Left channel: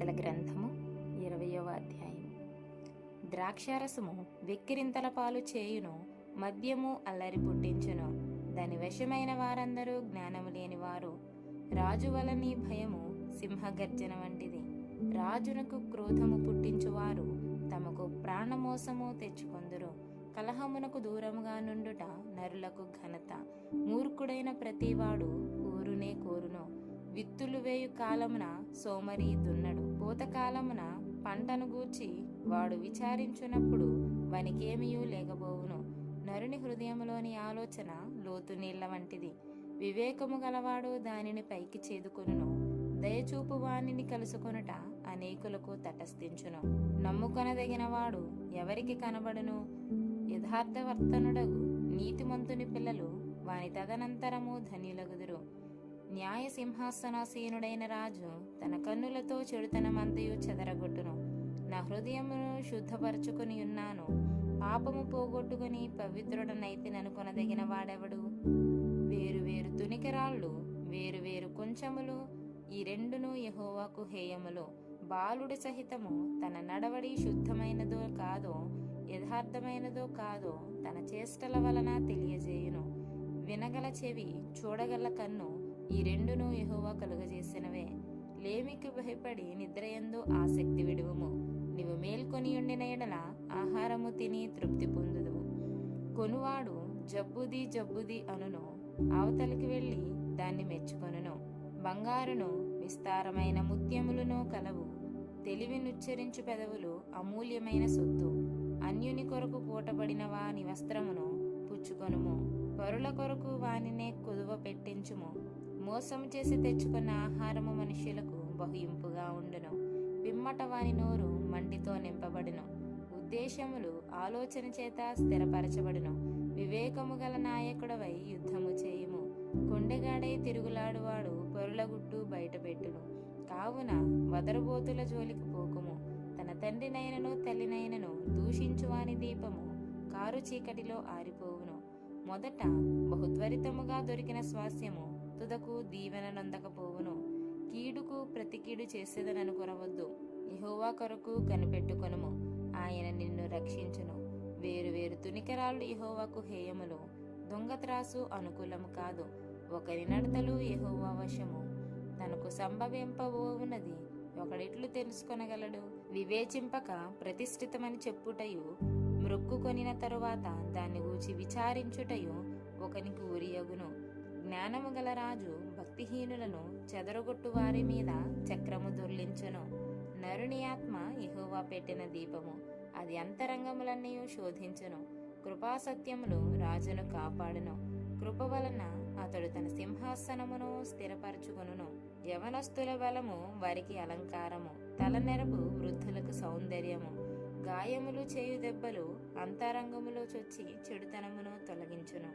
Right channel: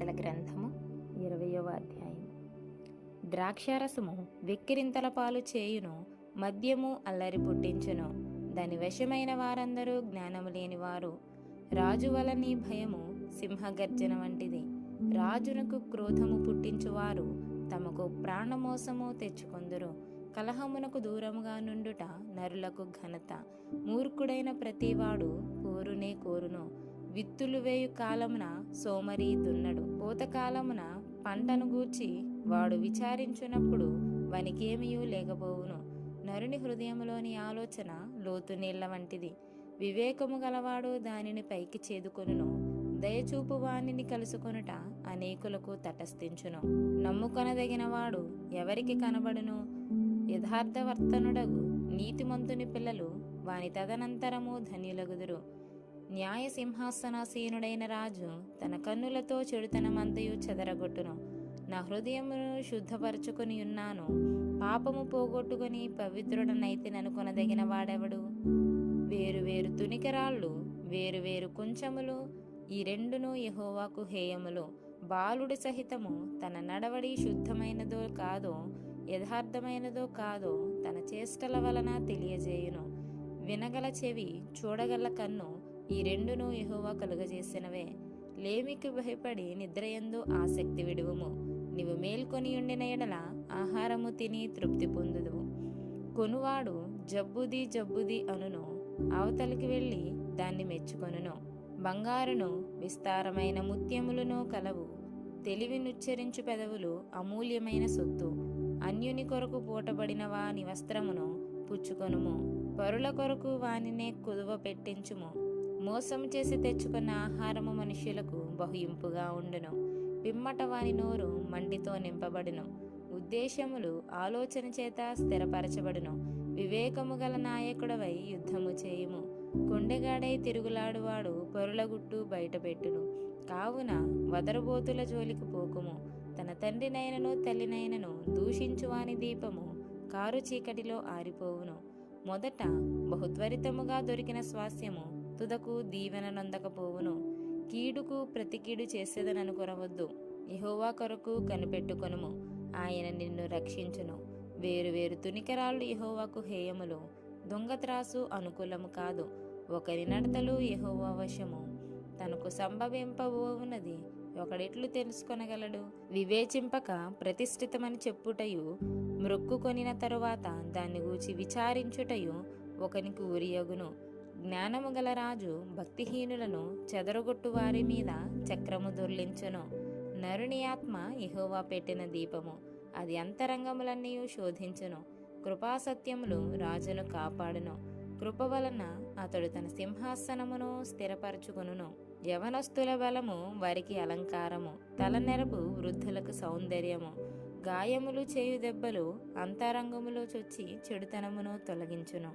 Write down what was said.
సామెతల గ్రంథము 20వ అధ్యాయం. ద్రాక్షారసము వెక్కిరింతల పాలు చేయును, మద్యము అల్లరి పుట్టించును. దాని వశమైన వారందరూ జ్ఞానము లేనివారు. రాజు వలని భయము సింహగర్జన వంటిది. రాజునకు క్రోధము పుట్టించువారు తమకు ప్రాణమోసము తెచ్చుకొందురు. కలహమునకు దూరముగా నుండుట నరులకు ఘనత. మూర్ఖుడైన ప్రతివాడు కోరునే కోరును. విత్తులు వేయు కాలమున సోమరి దున్నడు. పూతకాలమున పంటను గూర్చి వాడు విచారించునప్పుడు వనికేమియూ లేకపోవును. నరుని హృదయములోని ఆలోచన లోతు నీళ్ల వంటిది. వివేకము గలవాడు దానిని పైకి చేదుకొనును. దయచూపు వానిని కలుసుకొనుట అనేకులకు తటస్థించును. నమ్ముకొనదగినవాడు ఎవరికి కనబడును? యథార్థవర్తనుడగు నీతిమంతుని పిల్లలు వాని తదనంతరము ధన్యులగుదురు. న్యాయ సింహాసనాసీనుడైన రాజు తన కన్నులతో చెడుతనమంతయు చెదరగొట్టును. నా హృదయమును శుద్ధపరచుకుని ఉన్నాను, పాపము పోగొట్టుకుని పవిత్రుడనైతిననుకొనదగిన వాడెవడు? వేరువేరు తునికరాళ్ళు, వేరువేరు కొంచెములు, ఈ రెండును యెహోవాకు హేయములు. బాలుడి సహితము తన నడవడి శుద్ధమైనదో కాదో, యథార్థమైనదో కాదో తన చేష్టల వలన తెలియజేయును. వినగల చెవి, చూడగల కన్ను, ఈ రెండును యెహోవా కలుగజేసినవే. లేమికి భయపడి నిద్రయందు ఆసక్తి విడువుము. నీవు మేల్కొని ఉండిన ఎడల ఆహారము తిని తృప్తి పొందుదువు. కొనువాడు జబ్బుది జబ్బుది అనును, అవతలికి వెళ్ళి దాన్ని మెచ్చుకొనును. బంగారును విస్తారమైన ముత్యములను కలవు. తెలివినుచ్చరించు పెదవులు అమూల్యమైన సొత్తు. అన్యుని కొరకు పూటబడిన వాని వస్త్రమును పుచ్చుకొనుము. పరుల కొరకు వానినే కుదువ పెట్టించుము. మోసము చేసి తెచ్చుకున్న ఆహారము మనుష్యులకు బహుయింపుగా ఉండును. పిమ్మట వాని నోరు మండితో నింపబడును. ఉద్దేశములు ఆలోచన చేత స్థిరపరచబడును. వివేకము గల నాయకుడవై యుద్ధము చేయుము. కొండెగాడై తిరుగులాడువాడు పరుల గుట్టు బయటపెట్టును. కావున వదరుబోతుల జోలికి పోకుము. తన తండ్రినైనను తల్లినైనను దూషించువాని దీపము కారు చీకటిలో ఆరిపోవును. మొదట బహుత్వరితముగా దొరికిన స్వాస్యము తుదకు దీవెననందకపోవును. కీడుకు ప్రతి కీడు చేసేదననుకొనవద్దు. యెహోవా కొరకు కనిపెట్టుకొనుము, ఆయన నిన్ను రక్షించును. వేరువేరు తునికరాళ్ళు యెహోవాకు హేయములు. దొంగత్రాసు అనుకూలము కాదు. ఒకరి నడతలు యెహోవా వశము. తనకు సంభవింపబోవున్నది ఒకడెట్లు తెలుసుకొనగలడు? వివేచింపక ప్రతిష్ఠితమని చెప్పుటయు, మ్రొక్కుకొనిన తరువాత దాన్ని గూర్చి విచారించుటయు ఒకనికి ఉరియగును. జ్ఞానము గల రాజు భక్తిహీనులను చెదరగొట్టు వారి మీద చక్రము దొర్లించును. నరుని ఆత్మ యెహోవా పెట్టిన దీపము, అది అంతరంగములన్నీ శోధించును. కృపాసత్యములు రాజును కాపాడును. కృప వలన అతడు తన సింహాసనమును స్థిరపరచుకొనును. యవనస్తుల బలము వారికి అలంకారము, తలనెరపు వృద్ధులకు సౌందర్యము. గాయములు చేయు దెబ్బలు అంతరంగములో చొచ్చి చెడుతనమును తొలగించును.